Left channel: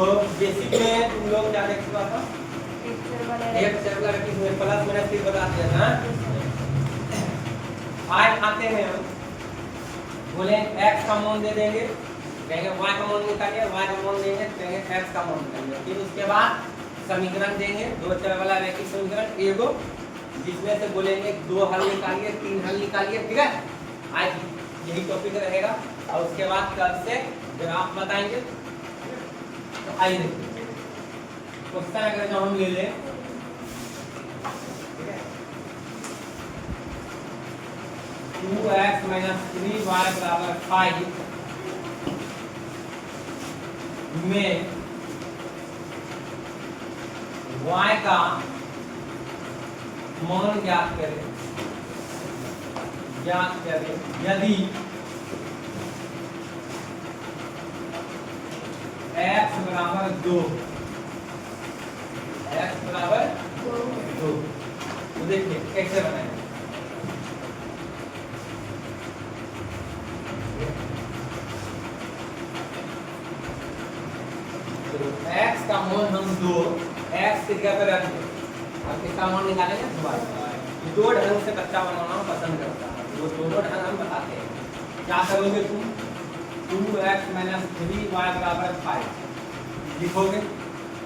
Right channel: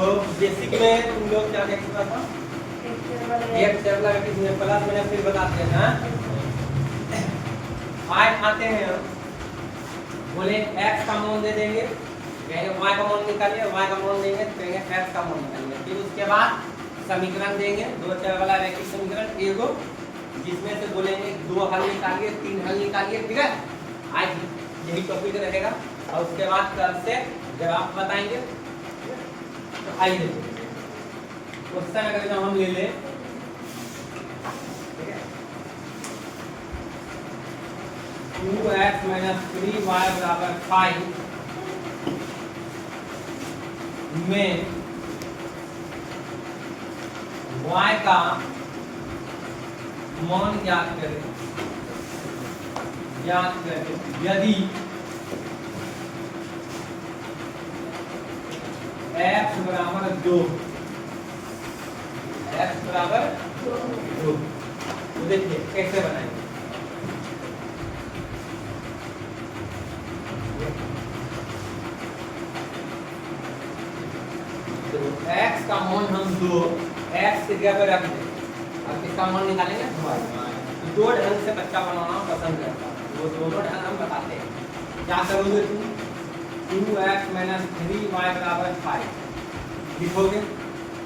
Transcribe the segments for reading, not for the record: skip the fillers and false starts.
तो बेसिक में तुम लोग क्या देख सकते हो, एक चर लगा कि इसमें प्लस माइनस फिर बताते हैं। आज आते हैं बोले x का मान दे देंगे, कहेंगे y का मान निकालिए, y का मान देंगे तो कहेंगे x का मान निकालिए। फिर उसके बाद समीकरण देंगे, दो चर वाला रैखिक समीकरण एगो, जिसमें से बोलेंगे 2 हल निकालिए, 3 हल निकालिए। ठीक है, आज यही टॉपिक रहेगा। और उसके बाद कल से ग्राफ बताएंगे। तो आइए क्वेश्चन अगर हम ले लें, ठीक है, 2x - 3y = 5 में y का मान ज्ञात करें यदि x बराबर 2, x बराबर 2। तो देखिए कैसे बनाएंगे। x का मान हम 2 x की जगह पर रख दें और किसका मान निकालेंगे, y। दो ढंग से बच्चा बनाना पसंद करता है, वो दोनों ढंग हम बताते हैं। क्या करोगे तुम, 2x - 3y = 5 लिखोगे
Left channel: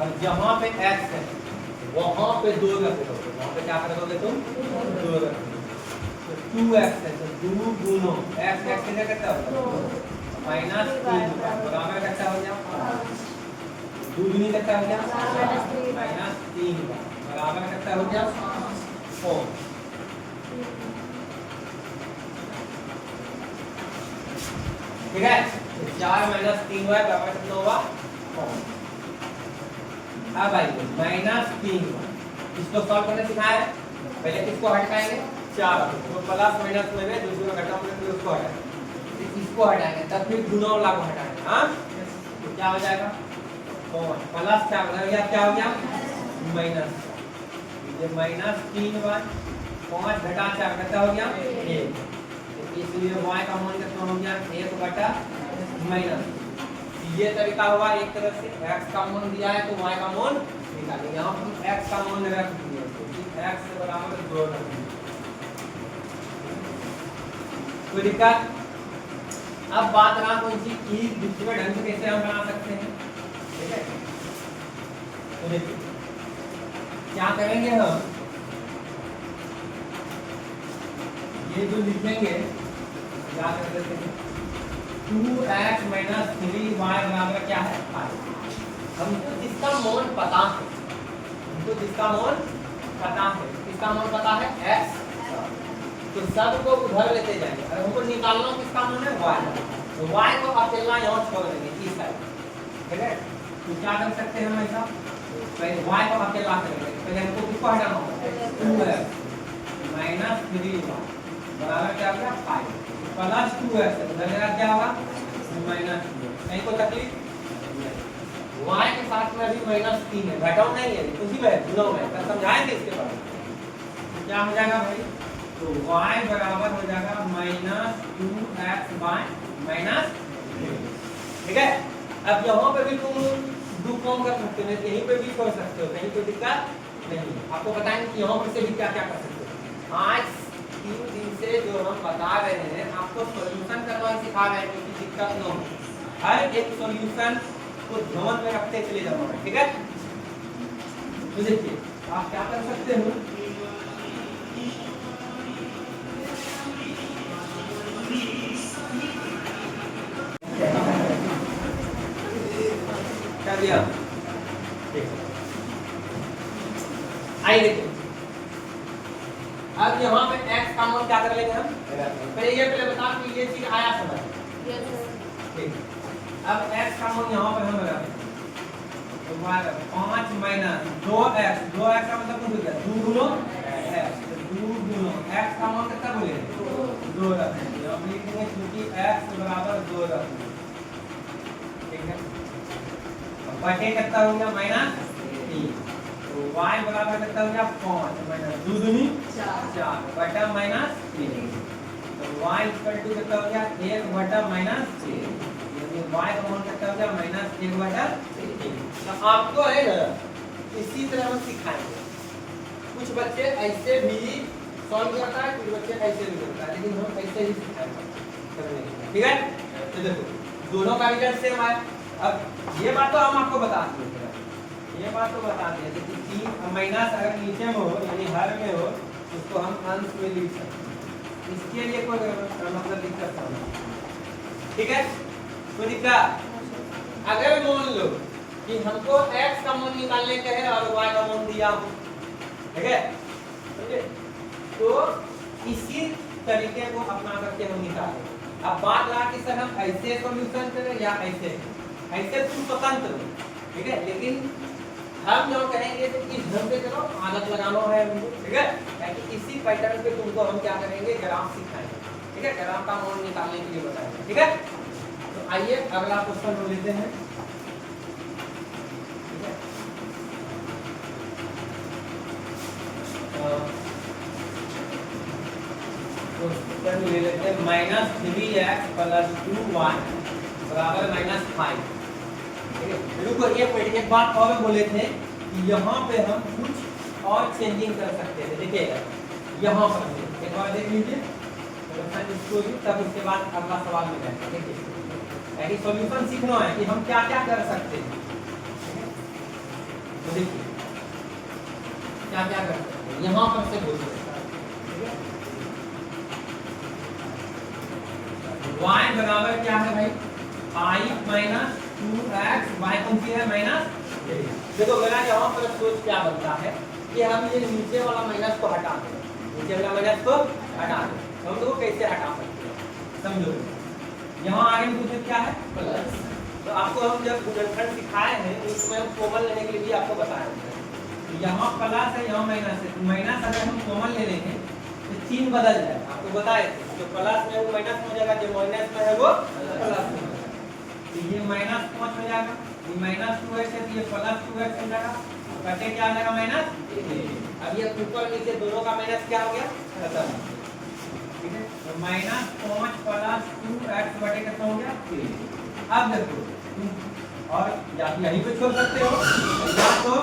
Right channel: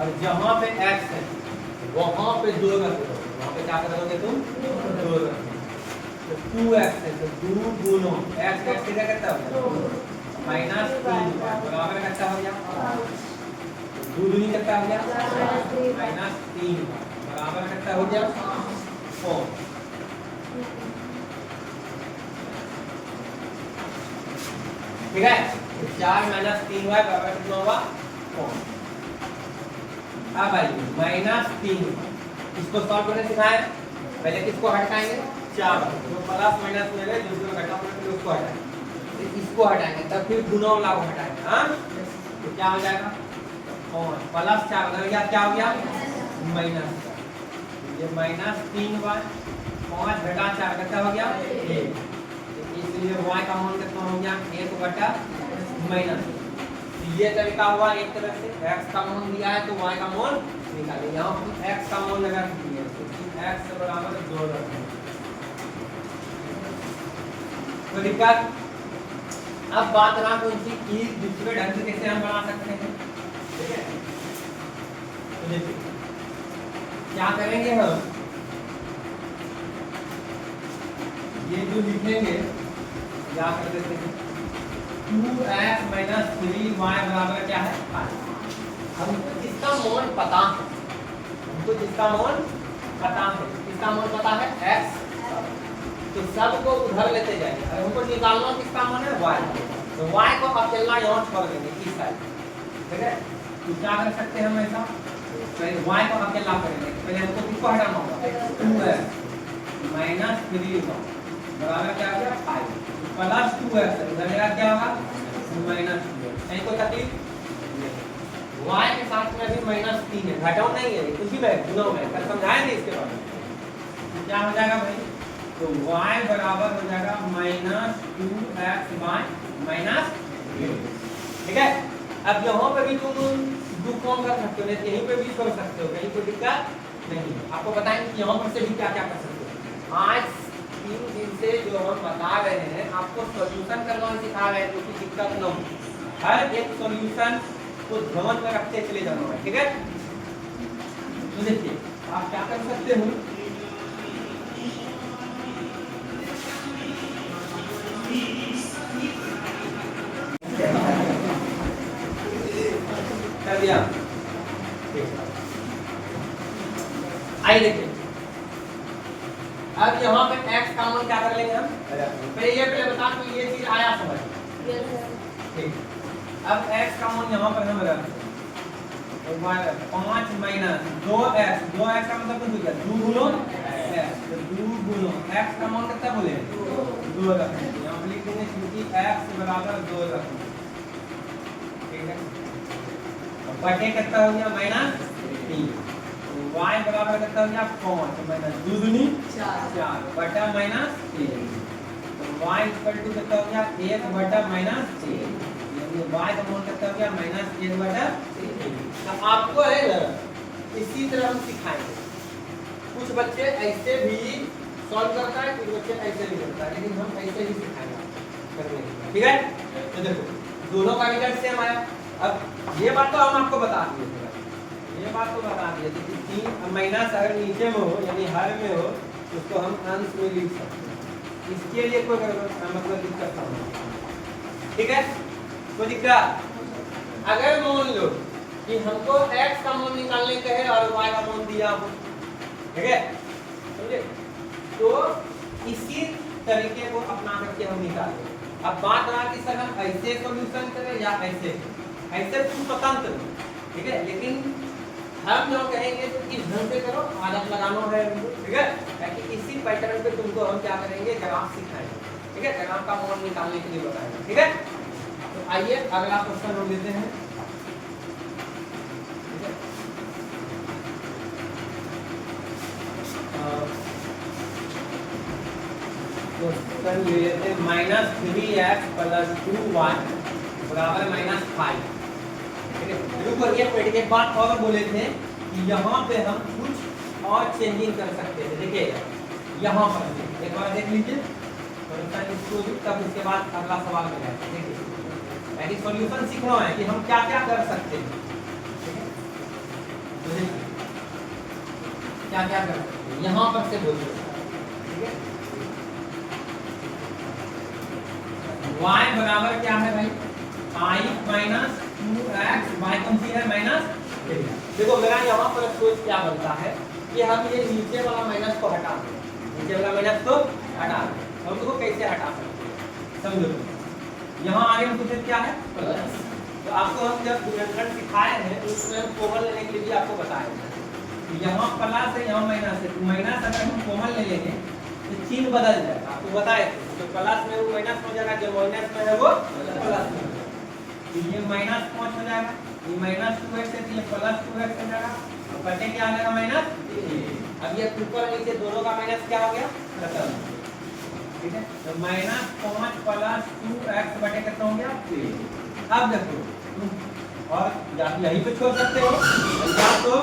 और जहाँ पे x है वहाँ पे 2 रख दोगे। वहाँ पे क्या करोगे तुम, 2 रख दोगे। तो 2x है तो 2 गुनो x की जगह कितना होगा, -3 बराबर कितना हो गया, 2 दूनी कितना हो गया, -3 बराबर कितना हो गया, 4। ठीक है, तो 4 - 3y बराबर कितना होगा, 4। अब आइए -3, इसको सॉल्व करने सिखाया। पहले किसको हटाएंगे, 4 तो प्लस माइनस में दूसरा घटा फिर उसको हटाएंगे, इसको हटाएंगे तब फिर गुना वाला को हटाएंगे। हाँ, तो क्या हो जाएगा, प्लस 4 हो गया, क्या हो गया, माइनस। ये -3y, 5 घटा 4 कितना हो गया, 1। इसलिए y का मान कितना हो गया, 1/। ये तरीका हुआ एक तरह से, x का मान दिया है तो y का मान निकालें। यहाँ पर x का मान रख दिया तो x बराबर 2 रख दिया। कोई दिक्कत। अब बात रहा कौन सी, दूसरे ढंग से कैसे हम बना सकते हैं। ठीक है, तो देखिए क्या करेंगे हम, ये जो लिखेंगे याद कर देते हैं, 2x - 3y बराबर क्या है, 5। हमको जिसका मान पता है, हमको जिसका मान पता है, किसका मान पता है, x, तो सबको उधर लेते जाएंगे। अगर हमको निकालना किसका मान है, y, तो y को अकेला यहाँ छोड़ देंगे इस साइड। ठीक है, तो क्या कर सकते हैं हम ऐसा, पहले y को अकेला करेंगे, पहले हमको किसको हटाना होगा, 2x - 3y बराबर क्या गया, 5 प्लस 2x उधर क्या होगा, -2। नहीं कोई तकलीफ, y के साथ में अभी -3 है, घटाओ नहीं है, कुछ भी है गुणों में, कल समझाएंगे इसके बारे में। तो क्या हो जाएगा भाई, तो y बराबर हो जाएगा -2x/-। ठीक है, अब यहाँ पे भी तुम दो कम कर सकते हो, यहीं पे भी कर सकते हो, कहीं कोई दिक्कत नहीं। आपको बताएंगे कि यहाँ पर से भी क्या क्या कर सकते हो। आज 3 दिन से जो हम बता रहे हैं, आपको सॉल्यूशन करना सिखा रहे हैं, कोई दिक्कत न हो। हर एक सॉल्यूशन को ध्यान में रखते चले जाना है। ठीक है, तो देखिए आप क्या कर सकते हो, कर दिया। आइए देखिए, अब यहाँ पे x का मान क्या कर लेंगे हम, पहले बता कि ये चीज आया समझ। ठीक, अब x का मान यहाँ पर हम रख 5 - 2x, 2x का मतलब कुछ हो गया 2 गुनो x, तो 2 गुनो x का मान कितना बोले, 2 रख देंगे। हम लिखेंगे क्योंकि x बराबर 2 रख देंगे। ठीक है, अब बटे कितना हो गया, -3, तो y बराबर कितना हो गया, 5 - 2 दूनी 4 बटा -3, तो y कितना हो गया, 1/-3, ये y का मान कितना हो गया -1/3। तो आपको है ना इसी तरह हम सिखाएंगे। कुछ बच्चे ऐसे भी सॉल्व करता है, कुछ बच्चे ऐसे नहीं करता है, लेकिन हम ऐसे ही सिखाएंगे करने के। ठीक है, तो देखो दोनों का रिजल्ट सेम आए। अब ये बात तो हम आपको बता दिए, ये बात तो बता दिए कि 3 माइनस अगर नीचे में हो यानी हर में हो उसको हम अंश में लिख सकते हैं। इसके लिए कोई मतलब दिक्कत नहीं। ठीक है, कोई दिक्कत? अगर मान लो कि हमको x का मान निकालने के है और y का मान दिया हो, ठीक है, समझे? तो इसी तरीके को अपना करके हम निकालेंगे। अब बात रहा कि सर हम ऐसे सॉल्यूशन करें या ऐसे, ऐसे तुम स्वतंत्र हो, ठीक है, लेकिन हम जो कहेंगे तो इस ढंग से करो, आदत लगाना है, ठीक है, ताकि इसी पैटर्न पे तुमको हम क्या करेंगे ग्राफ सिखाएंगे। ठीक है, ग्राफ का मान निकालने के लिए बताएंगे। ठीक है, तो आइए अगला क्वेश्चन हम लेते हैं। क्वेश्चन ले लेते हैं -3x + 2y बराबर -5। रुको, एक बात और बोले थे कि यहाँ पे हम कुछ और चेंजिंग कर सकते थे। देखिए यहाँ पर एक बार देख लीजिए, इसको भी, तब उसके बाद अगला सवाल में जाएगा। देखिए यानी सॉल्यूशन सीखना है कि हम क्या क्या कर सकते हैं। तो देखिए क्या क्या कर सकते हैं, यहाँ पर से बोलिए। ठीक है, y बराबर क्या है भाई 5 - 2x, y कौन सी है -3। देखो मेरा यहाँ पर सोच क्या बनता है कि हम ये नीचे वाला माइनस को हटा दें, नीचे वाला माइनस को हटा दें। हम लोग कैसे हटा सकते हैं समझो। यहाँ आगे में कुछ क्या है प्लस, तो आपको हम जब गुणनखंड सिखाए हैं उसमें हम कॉमन लेने के लिए भी आपको बताएंगे। तो यहाँ प्लस है, यहाँ माइनस है, तो माइनस अगर हम कॉमन ले लेंगे तो चिन्ह बदल जाएगा, आपको बताए। तो प्लस में वो माइनस हो जाएगा, जो माइनस में है वो प्लस में, तो ये -5 हो जाएगा, ये -2x है तो ये +2x हो जाएगा, तो बटे क्या आ जाएगा -3। अब ये ऊपर नीचे दोनों का माइनस क्या हो गया खत्म। ठीक है, तो -5 + 2x बटे कितना हो गया 3। अब देखो और या यहीं पे छोड़ सकते हो, या तो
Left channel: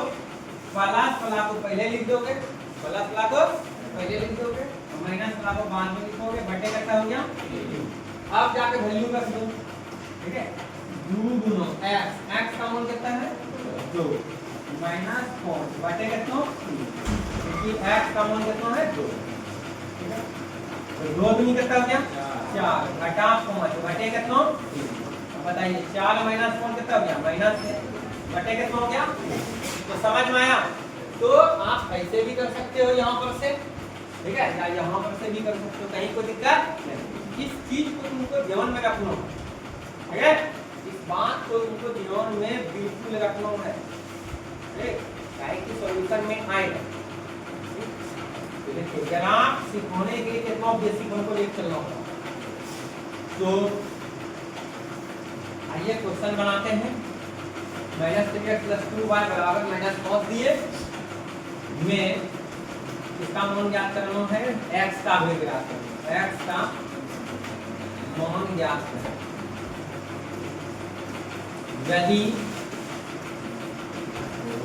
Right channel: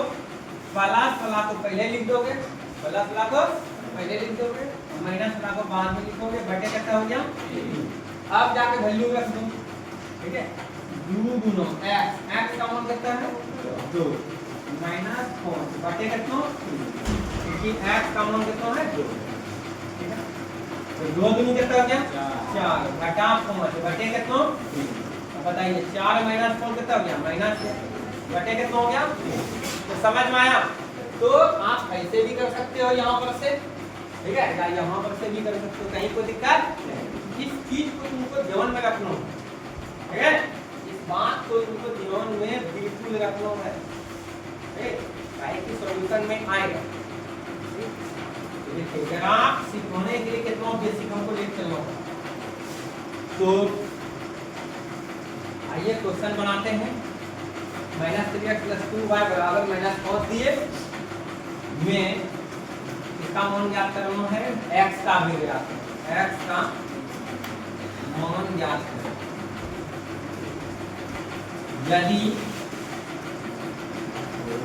प्लस को पहले लिख दोगे, प्लस को पहले लिख दोगे, माइनस को बाद में लिखोगे, बटे कितना हो गया 3। अब जाके वैल्यू रख दो। ठीक है, 2 × x का मान कितना है 2 -5 बटे कितना 3, क्योंकि x का मान कितना है 2। ठीक है, तो 2 दूनी कितना हो गया 4 घटा 5 बटे कितना 3। अब बताइए 4 - 5 कितना हो गया -6 बटे कितना हो गया 3। तो समझ में आया? तो आप ऐसे भी कर सकते हो यहाँ पर से, ठीक है, या यहाँ पर से भी कर सकते हो, कहीं कोई दिक्कत नहीं। इस चीज को तुमको ध्यान में रखना है, ठीक है, इस बात को तुमको ध्यान में बिल्कुल रखना है, ठीक, कि सॉल्यूशन में आएगा। देखिए ग्राफ सिखाने के लिए कितना बेसिक हमको देख चलना होगा। तो आइए क्वेश्चन बनाते हैं। -3x + 2y बराबर -5 दिए में इसका मान ज्ञात करना है, x का भी ज्ञात करना है, x का मान ज्ञात करना। यदि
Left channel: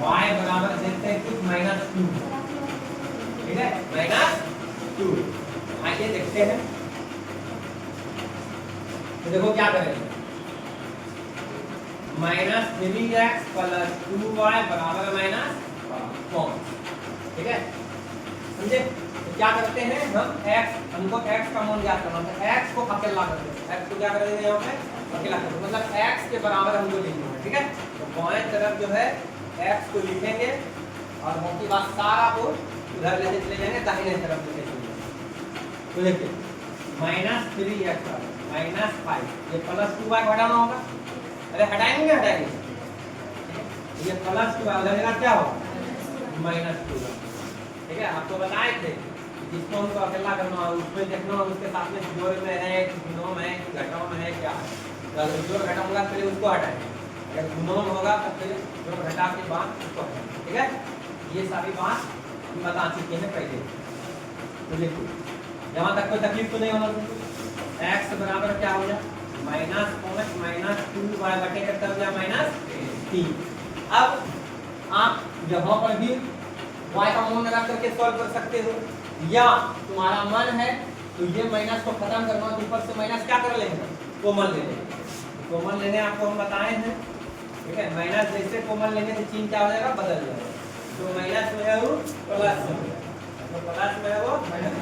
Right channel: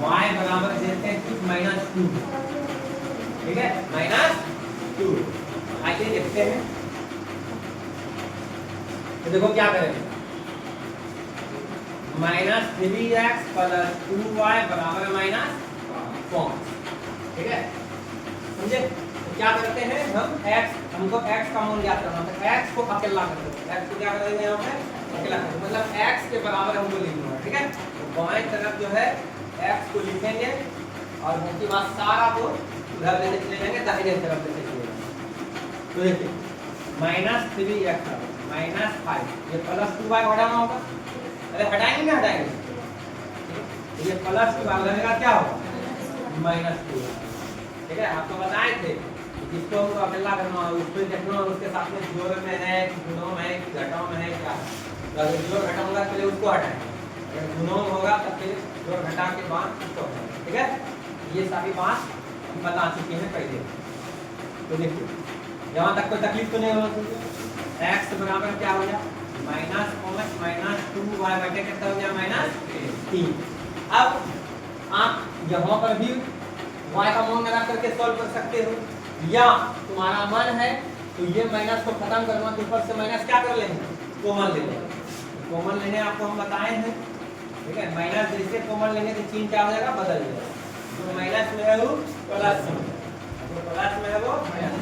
y बराबर देते हैं कुछ -2, ठीक है, -2। आइए देखते हैं, तो देखो क्या करेंगे, -3x + 2y बराबर -5, ठीक है, समझे? तो क्या करते हैं हम हमको x का मान ज्ञात करना है, x को अकेला कर देंगे, x को क्या कर देंगे यहाँ पे अकेला कर देंगे, मतलब x के बराबर हमको लिखना है। ठीक है, तो बाएं तरफ जो है x को लिखेंगे और बाकी बात सारा को उधर लेने चले जाएंगे, दाहिने तरफ लेके चले जाएंगे। तो देखिए -3x -5, ये +2y हटाना होगा, अरे हटाएंगे ना हटाएंगे, ये +2 उधर का क्या होगा -2। ठीक है, आपको बताए थे जिसको हमको अकेला करना है उसमें देखना है उसके साथ में जोड़ में है कि गुणों में है कि घटाओं में है क्या है। अगर जोड़ घटा होगा पहले उसको हटाएंगे, अगर गुणों में होगा तब फिर जोड़ घटा के बाद उसको हटाएंगे। ठीक है, ये सारी बात हम बता चुके हैं पहले। तो देखिए यहाँ तक कोई तकलीफ तो नहीं होना चाहिए। x बराबर क्या हो गया माइनस कॉमन माइनस 2y बटे कितना हो गया -3। अब आप यहाँ पर भी y का मान लगा करके सॉल्व कर सकते हो, या तुम्हारा मन है तो ये माइनस को खत्म करना तो ऊपर से माइनस क्या कर लेंगे, कॉमन ले लेंगे। कॉमन लेने आपको हम बताए हैं, ठीक है। माइनस जैसे कॉमन लेंगे तो चिन्ह क्या हो जाएगा, बदल जाएगा। तो माइनस में है वो प्लस में, तो प्लस में है वो माइनस,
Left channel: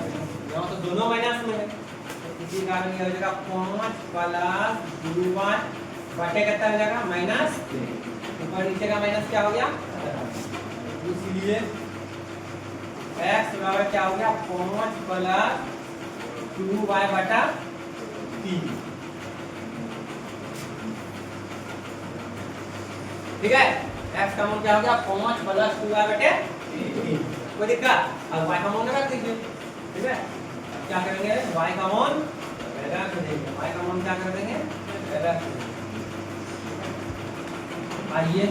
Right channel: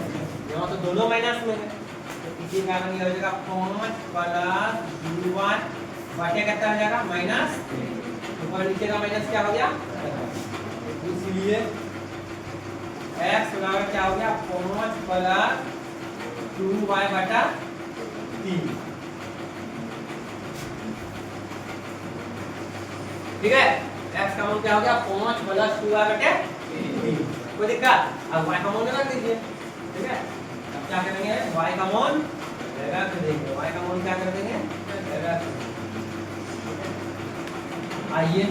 यहाँ तो दोनों माइनस में है, तो इसी कारण ये हो जाएगा 5 प्लस 2y बटे कितना हो जाएगा -3। ऊपर नीचे का माइनस क्या हो गया, इसलिए x बराबर क्या हो गया 5 प्लस 2y बटा 3। ठीक है, x का मान क्या हो गया 5 प्लस 2y बटे 3। कोई दिक्कत? अब y का मान रख दीजिए, ठीक है। अब क्या करेंगे, y का मान रख देंगे, y का मान क्या कर देंगे, रख देंगे। आइए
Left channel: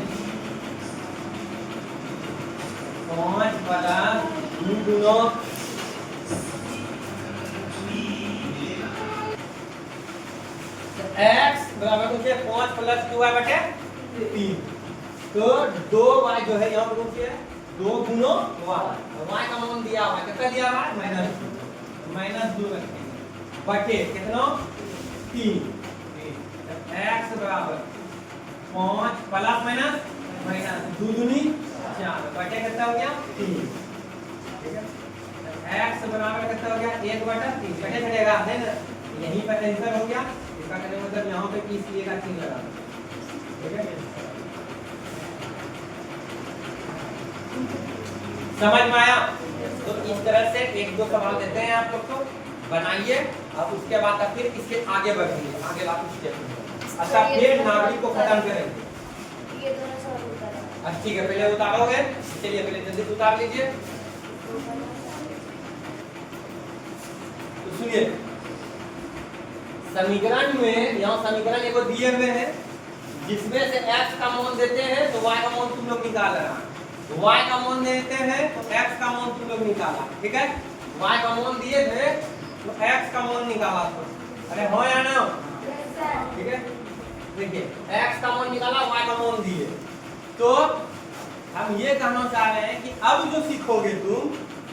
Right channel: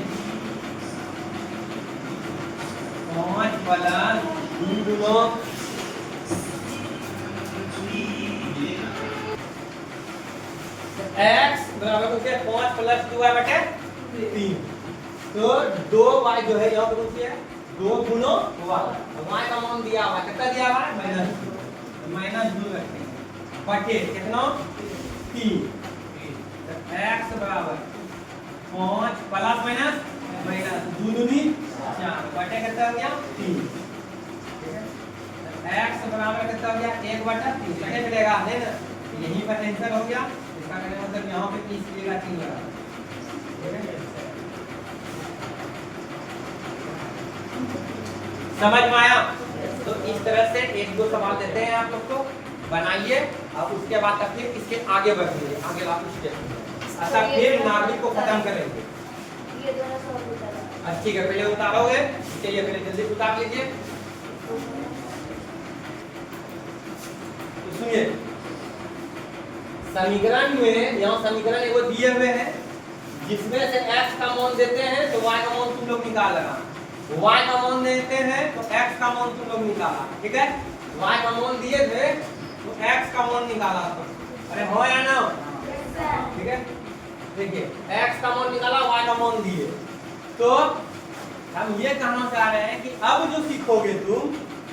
5 प्लस 2 गुना x बराबर हो गया 5 प्लस 2y बटे 3। तो 2y जो है यहाँ पर है 2 गुना y का मान दिया हुआ कितना दिया हुआ है -2 रखेंगे बटे कितना 3। x बराबर 5 प्लस माइनस 2 दूनी 4 बटे कितना हो गया 3। ठीक है, x बराबर कितना हो गया 1 बटा 3 कटे चलेगा नहीं ना, यहीं पर आंसर हो गया। इसका कहने मतलब यहाँ पे किस लिए का चिन्ह लगा, ठीक है। समझ में आया? तो इस तरह से 1-2 सवाल देते हैं आप लोग को, बनाइए। अब उसके बाद तक फिर इसके आगे बढ़ेंगे, आगे वापस स्टेप। अच्छा, फिर नागरिक को खत्म करेंगे। ये दोनों सवाल उतारा। अच्छा ठीक है, पहले उतारोगे, चलिए पहले जल्दी से उतार लीजिए। तो सुनिए, समीकरण में यहाँ समीकरण एगो दिए हुए हैं, जिसमें से x का मान देते हैं तो y का मान तुम लोग निकाल लेना, y का मान देते हैं तो x का मान तुम लोग निकाला, ठीक है। y का मान दिए थे तो x का मान निकाला, तो अरे हो या ना, ठीक है। देखिए x का मान निकाला, y का मान दिए, तो हम ये कहना चाह रहे हैं कि अब जो सीखोगे तुम,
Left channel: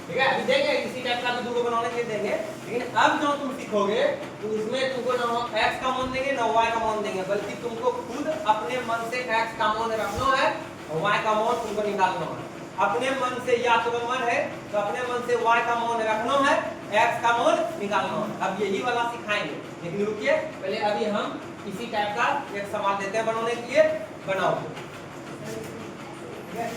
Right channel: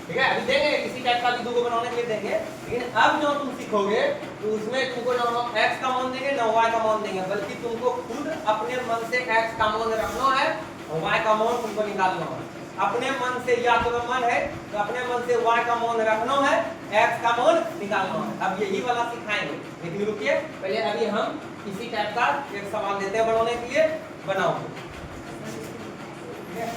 ठीक है, अभी देंगे किसी टाइप का वीडियो को बनाने के लिए देंगे, लेकिन अब जो तुम सीखोगे तो उसमें तुमको ना x का मान देंगे ना y का मान देंगे, बल्कि तुमको खुद अपने मन से x का मान रखना है और y का मान तुमको निकालना है। अपने मन से, या तो मन है तो अपने मन से y का मान रखना है, x का मान निकालना है। अब यही वाला सिखाएंगे, लेकिन रुकिए पहले अभी हम किसी टाइप का एक सवाल देते हैं बनाने के लिए, बनाओ। ठीक है,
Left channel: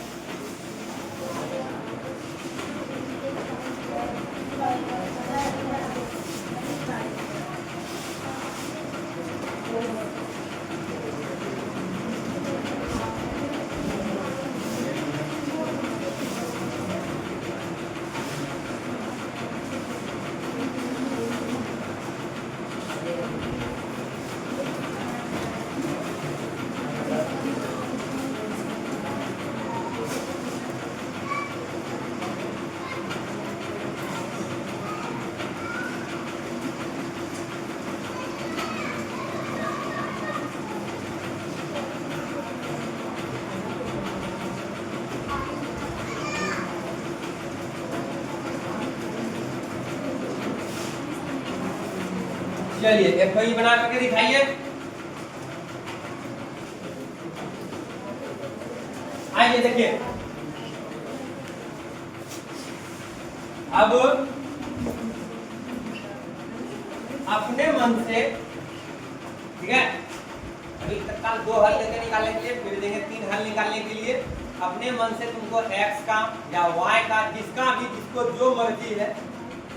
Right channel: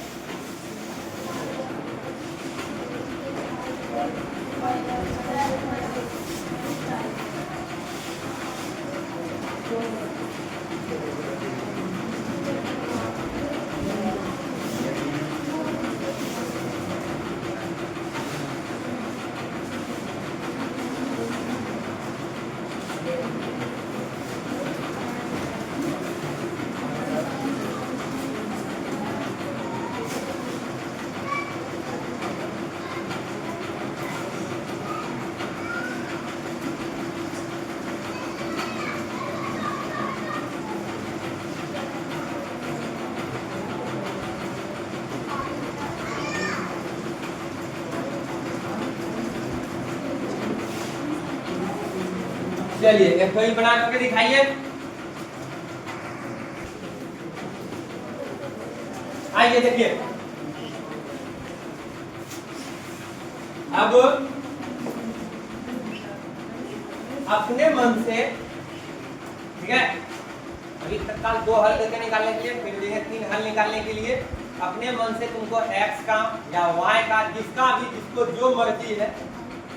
चलिए एक वही बना करके दिखाइए। आइए देखिए, अब अपने मन से, ठीक है, अभी तत्काल 2 हल लेके निकालने के लिए, फिर देंगे 3 हल निकालने के लिए। अपने मन से तुमको x का या y का, जिसका भी जिसको जो मर्जी है,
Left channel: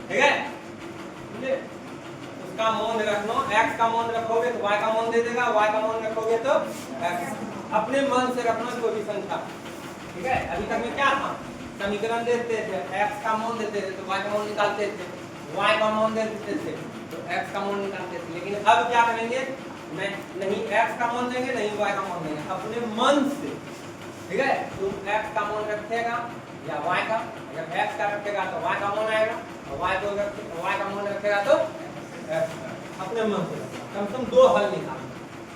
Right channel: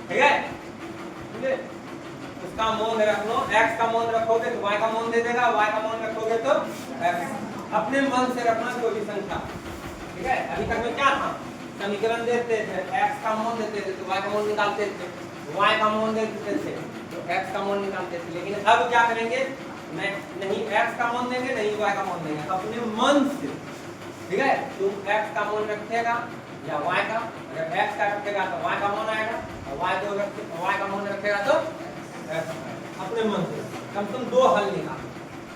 ठीक है, उसका मान रखना। x का मान रखोगे तो y का मान दे देगा, y का मान रखोगे तो x। अपने मन से रखना कोई भी संख्या, ठीक है। अभी तक में क्या था, समीकरण देते थे, x का मान देते थे तो y का मान निकालते थे, y का मान देते थे तो x का मान निकालते थे। लेकिन अब क्या करेंगे, मैं नहीं x का मान देंगे नहीं y का मान देंगे, अपने मन से, ठीक है। तुम x का मान रखेगा या y का, अगर x का रखेगा तो y का मान आएगा, और y का मान रखेगा तो x, अपने मन से। कम से कम 2 हल निकालो।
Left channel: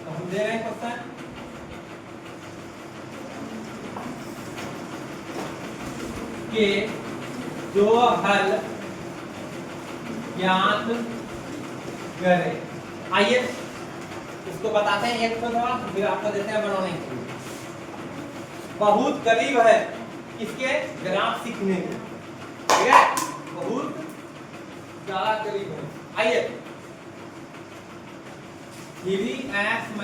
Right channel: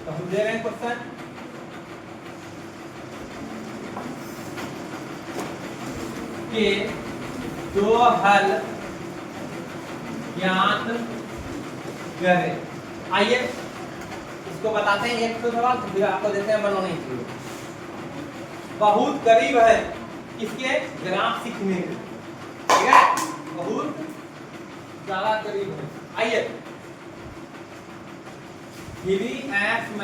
तो हम दे रहे हैं क्वेश्चन के 2 हल ज्ञात करें। आइए इसको बताते हैं एक सवाल, फिर आपको देते हैं बनवाने के लिए। बहुत करीब है किसके ग्राफ सीखने के, ठीक है, बहुत ज्यादा करीब है। आइए 3x -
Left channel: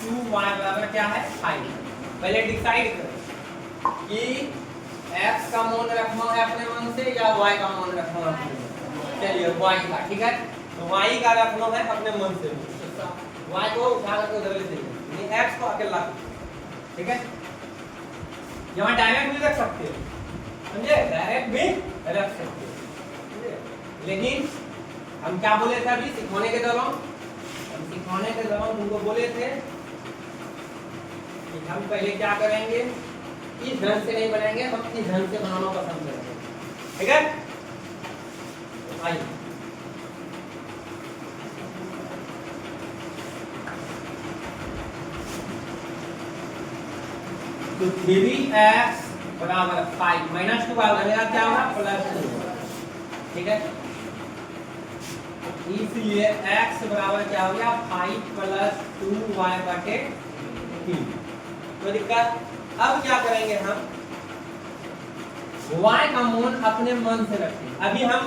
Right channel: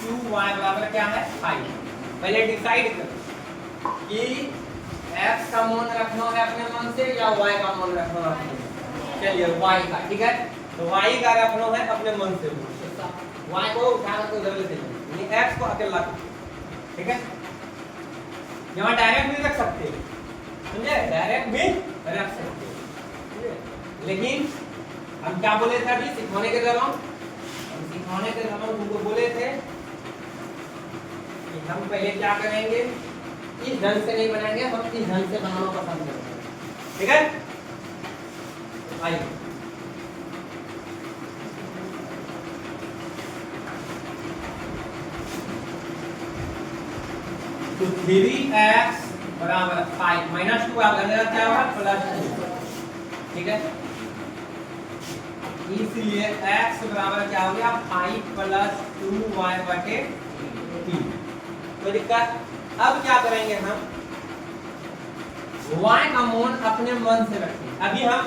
2y बराबर क्या है 5। पहले डिसाइड करो कि x का मान रखना है अपने मन से या y का मान रखना है अपने मन से। चलिए y का, ठीक है, तो y का रखना है अपने मन से, y को उठा करके उधर ले जाइए, यानी x को अकेला, ठीक है। यहाँ डायरेक्ट भी रख सकते हो, समझे, डायरेक्ट भी रख सकते हो, लेकिन हम क्या बोले थे अभी सिखाने के दौरान, तुमको बोले थे कि हम पहले क्या करेंगे, इस ढंग से नहीं बनाएंगे, हम इस ढंग से बनाना पसंद करते हैं, ठीक है। आइए तो 3x बराबर 5 - 2 लगेगा क्या होगा +2, ठीक है। इसलिए x बराबर क्या हो गया 5 + 2y बटे 3। तो दिक्कत, अब क्या करेंगे हम, y का मान अपने मन से रखें। अभी हम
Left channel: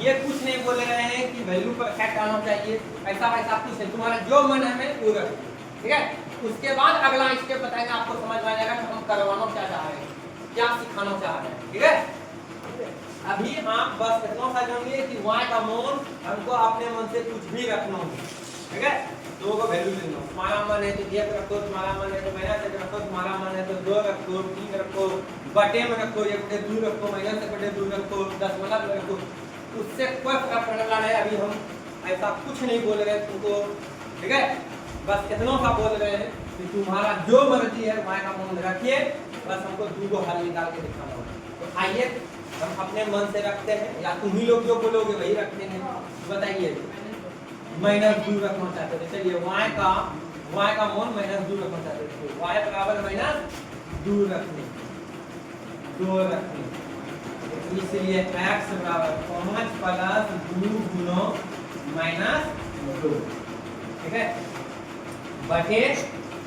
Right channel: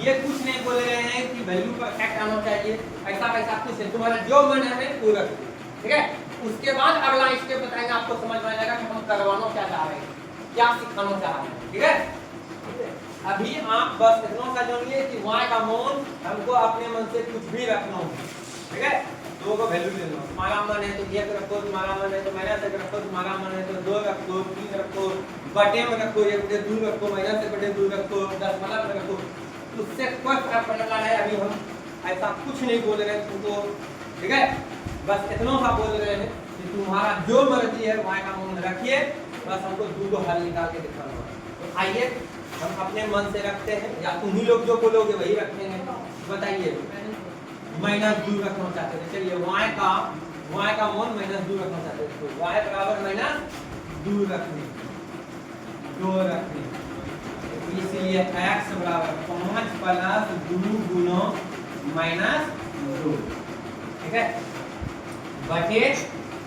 ये कुछ नहीं बोल रहे हैं कि वैल्यू परफेक्ट आना चाहिए, ऐसा वैसा कुछ है, तुम्हारा जो मन है वो रखो, ठीक है। उसके बाद अगला स्टेप बताएंगे, आपको समझ में आ जाएगा कि हम करवाना क्या चाह रहे हैं, क्या सिखाना चाह रहे हैं, ठीक है। अभी आप बस इतना सा जानिए कि y का मान हमको अपने मन से कुछ भी रखना है, ठीक है। दो को वैल्यू ले लो, तुम्हारा मन है तो 1 रखो, तुम्हारा मन है तो -1 रखो, तुम्हारा मन है तो 2 रखो, 3 रखो, बटे में रखो, 1/2 रखो, -1/2 रखो, दशमलव में रखो, उससे कोई फर्क पड़ने वाला है। अभी हम ऐसा कुछ नहीं बोल रहे तुमको, ठीक है, बस इतना सा बोल रहे हैं कि तुम्हारा जो मर्जी है y का मान रखिए, बस हमको 2 हल निकाल के दिखाना होगा। तो आइए हम अपने मन से रखते हैं, या तुम ही लोग जो बोलोगे वही रखेंगे, बताइए। -2 रखना चाहते थे, चलिए y का मान -2 रखना चाहते थे, तो y बराबर -2 रखने, 2 रखने, इसलिए x बराबर 5 + 2 गुना -2, ठीक है, बटे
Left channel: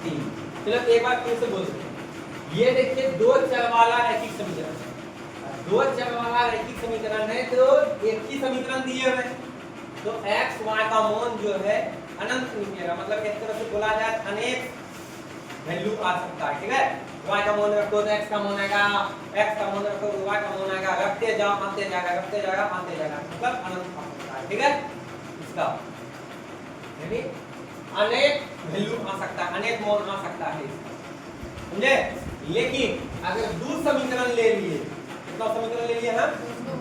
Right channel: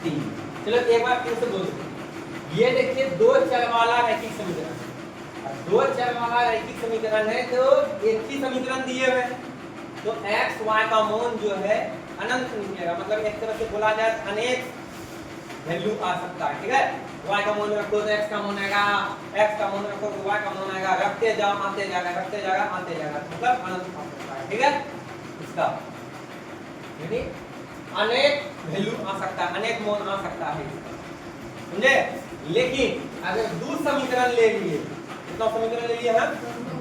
3। चलो एक बार फिर से बोल देते हैं, ये देखिए 2 चर वाला रैखिक समीकरण है, 2 चर वाला रैखिक समीकरण है, तो एक ही समीकरण दिए हुए हैं, तो x y का मान जो है अनंत निकलेगा, मतलब एक तरह से बोला जाए अनेक वैल्यू आ सकता है, ठीक है। y का मान रखो तो x का मान आएगा, x का मान रखो तो y का मान आएगा, रखते जाओ आते जाएगा, रखते जाएगा आते जाएगा, मतलब अनंत आ सकता है, ठीक है। इसका यानी अनेक वैल्यू आ सकता है, अनेक मान आ सकता है इसका, समझे। लेकिन अगर 2 समीकरण ले लिए, कितना समीकरण ले लिए हम,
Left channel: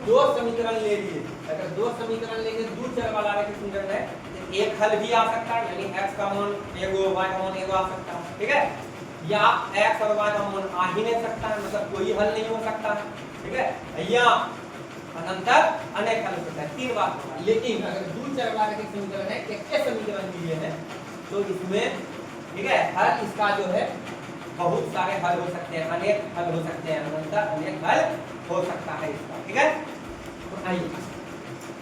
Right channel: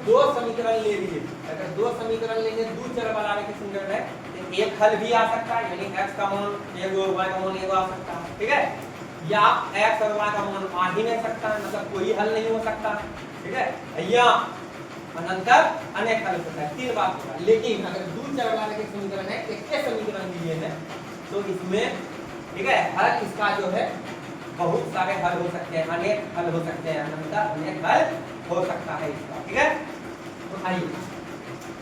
2 समीकरण ले लिए, अगर 2 समीकरण लेंगे 2 चर वाला रैखिक समीकरण है, तो एक हल भी आ सकता है, यानी x का मान एगो, y का मान एगो आ सकता है, ठीक है, या x और y का मान आ ही नहीं सकता है, मतलब कोई हल नहीं हो सकता, ठीक है, या अनंतर अनेक हल होता है, 3 बात होगा। लेकिन अगर 2 चर वाला रैखिक समीकरण है, एक ही समीकरण लिए हैं, तो इसमें, ठीक है, हल इसका जो है बहुत सारे हल हो सकते हैं, अनेक हल हो सकते हैं, अनंतर अनेक हल हो सकता है इसका, ठीक है। तो आइए,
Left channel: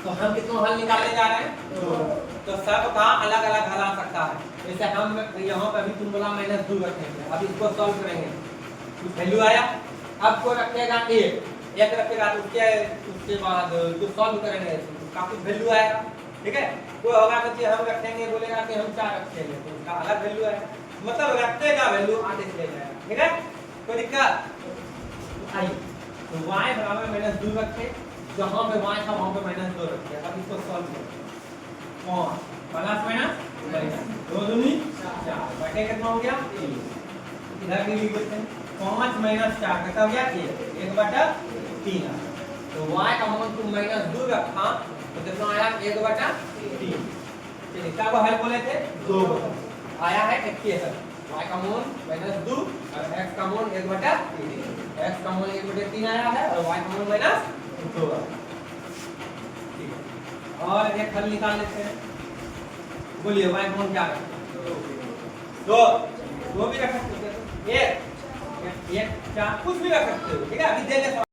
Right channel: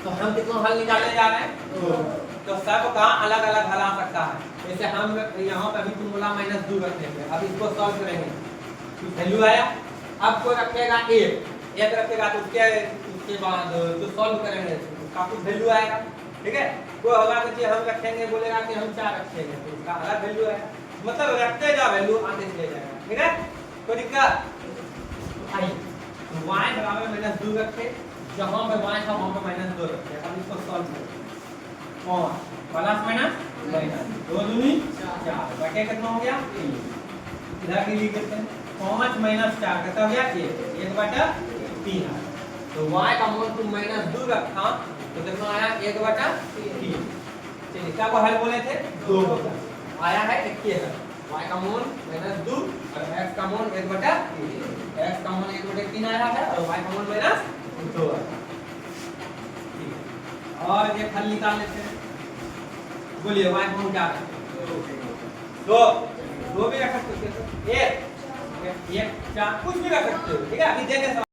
तो हम कितना हल निकालने जा रहे हैं, तो सब का अलग अलग हल आ सकता है। जैसे हम यहाँ पे भी तुम बोला -2 रखने थे, अब इसको सॉल्व करेंगे, वैल्यू आया, अब कोई रखेगा 1 रखेगा, तो उसके बाद जो सॉल्व करेंगे उसका कुछ वैल्यू आएगा, ठीक है। कोई होगा कि हम रखेंगे, बोलेगा कि हम 4 रखेंगे, तो उसका अलग वैल्यू आएगा, मतलब रखते का वैल्यू आते चले जाएगा, ठीक है, कोई दिक्कत। आइए तो y बराबर -2 रखे, जहां पे y था वहां पे -2 रखे, अब इसको सॉल्व करें, और प्लस माइनस 2 दूनी 4 बटे कितना हो गया 3, इधर भी लिख देते हैं, 5 - 4 कितना हो गया 1/3। तो y का मान तुम -2 रखा तो कितना आया 1/3। चलिए क्या को हल बोले थे 2 आया है, देखिए है y का मान -2 और x का मान 1/3, x का मान 1/3 आया है और y का मान -2 है। और एक हल निकाल लेते हैं, बोलिए y को हम क्या रख सकते हैं? दो भी रख सकते हो, एक एक चार कुछ भी रख सकते हो, ठीक है। अभी देंगे